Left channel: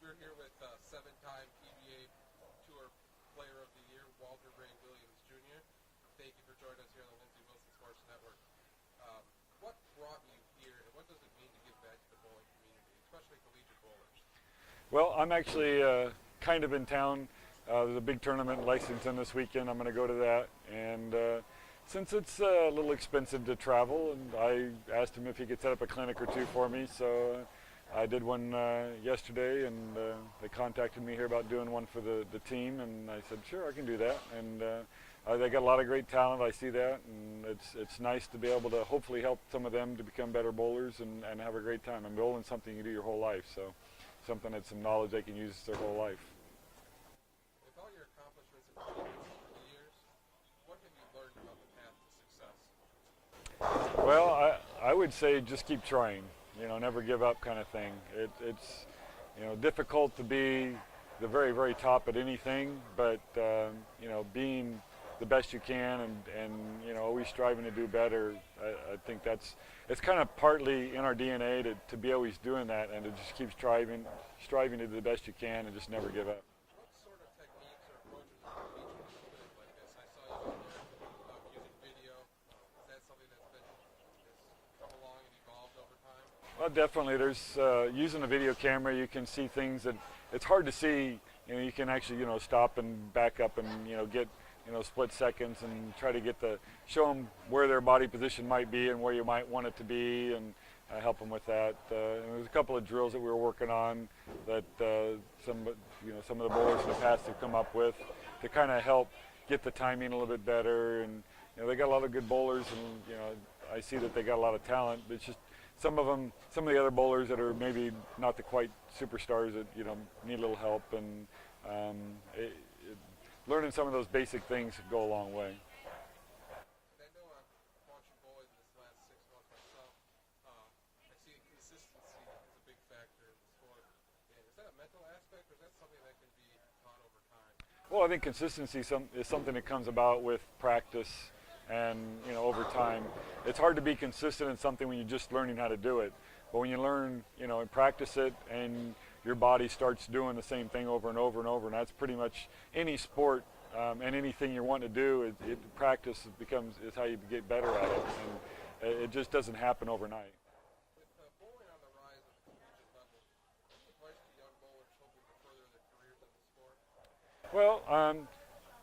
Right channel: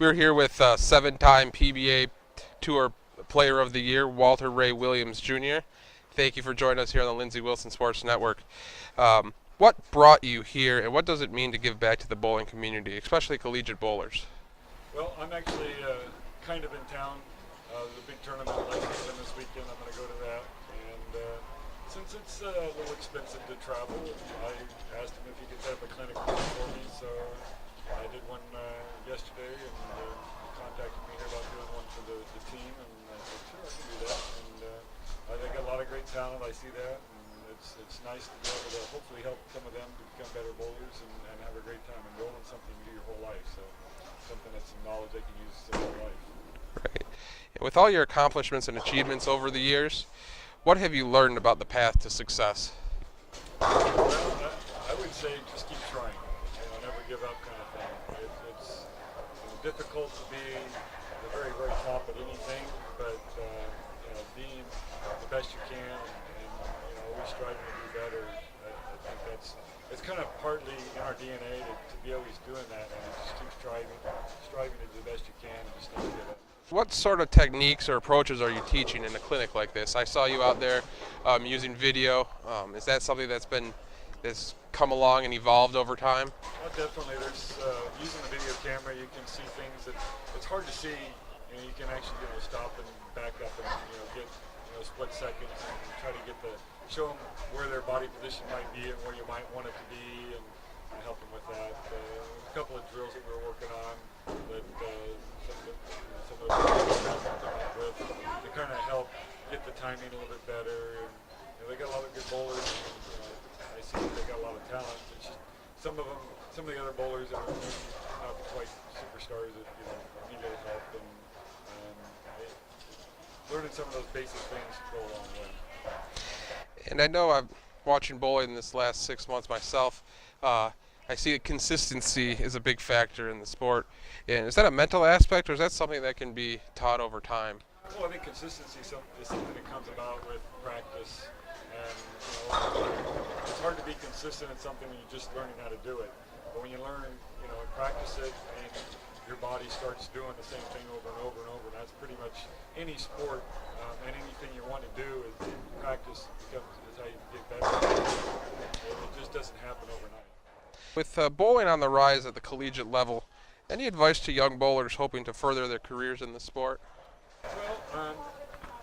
We're here with seven-time PBA Tour Player of the Year, Walter Ray Williams Jr. Thank you for joining us here on the Lindsey Wilson Sports Network. What brought you here, and what does it mean to give back to the bowling community, especially collegiate bowlers? Well, I'm actually kind of in town. There's a big tournament at Lexington this weekend. I'm going to go to that. And since it's a little expensive to travel, and I asked him if he could set up a clinic or two for me. So I did one yesterday, and they contacted me here about doing one for the team. And I said, sure, I can do that. And they got a lot of great talent. I see that. And it's nice to be able to hopefully help some of them to become better bowlers and have a great time. And bowling's something you do your whole life. So something that's some knowledge they can use their whole life. Right. With all your accomplishments and achievements over the years, what have you learned about the path to success? Well, I would say just keep trying. Never give up kind of thing. It's difficult to be the very, very top at anything, but being the best you can and always striving to do better. I think it's kind of partly in our DNA to be always doing that and to just keep striving to do the best you can and just never give up. What sort of techniques or approaches are you teaching in a clinic like this? I saw you out there using video. Is that something that's come along and evolved over time? Definitely. There's using the video camera, you can see things that it's hard to see. You can actually stop and back up and get split seconds and try to show them where their body position might be and where you might want it to be, and help them with that. There's a couple of drills that we were working on that some of the bowlers in the past have come up with to kind of help get the timing a little bit better. And they got a lot of good bowlers, and I see that they got a lot of talent. It's just some of the other bowlers that are maybe not the quite superstars that need a little help, and learning some of those basic things go a long way. And I know I'm watching bowling this last 6 months myself. I see that consistency is a big factor in the sport. And is that a mental aspect, or is that something that can be taught over time? Well, I think consistency is something that comes about with practice and over time. It's hard to be consistent in something when you're just learning how to do it. But when you learn, and practice it, and your body starts doing the same thing over and over and over, and that's pretty much any sport and anything you want to do. Practice is how you get better at it. It just doesn't happen overnight. With bowling on the rise at the collegiate level, any advice to young bowlers hoping to further their careers in the sport? Well,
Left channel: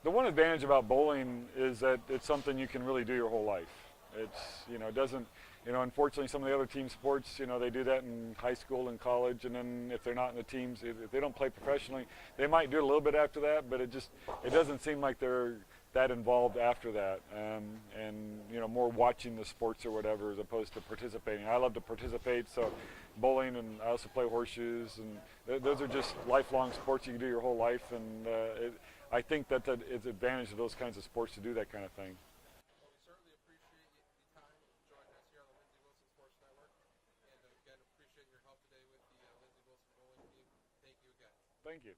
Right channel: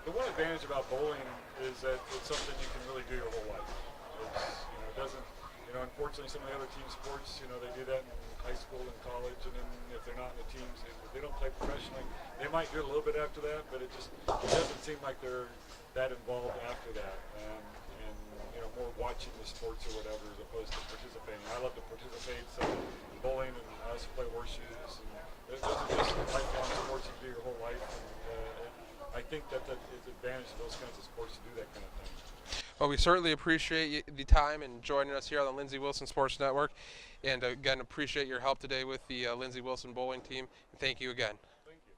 the one advantage about bowling is that it's something you can really do your whole life. It doesn't. Unfortunately, some of the other team sports, they do that in high school and college, and then if they're not in the teams, if they don't play professionally, they might do it a little bit after that, but it doesn't seem like they're that involved after that, and more watching the sports or whatever as opposed to participating. I love to participate, so bowling, and I also play horseshoes, and those are just lifelong sports you can do your whole life, and I think that it's an advantage of those kinds of sports to do that kind of thing. Well, we certainly appreciate the time and joining us here on the Lindsey Wilson Sports Network. And again, appreciate your help today with the Lindsey Wilson bowling team. Thank you again. Thank you.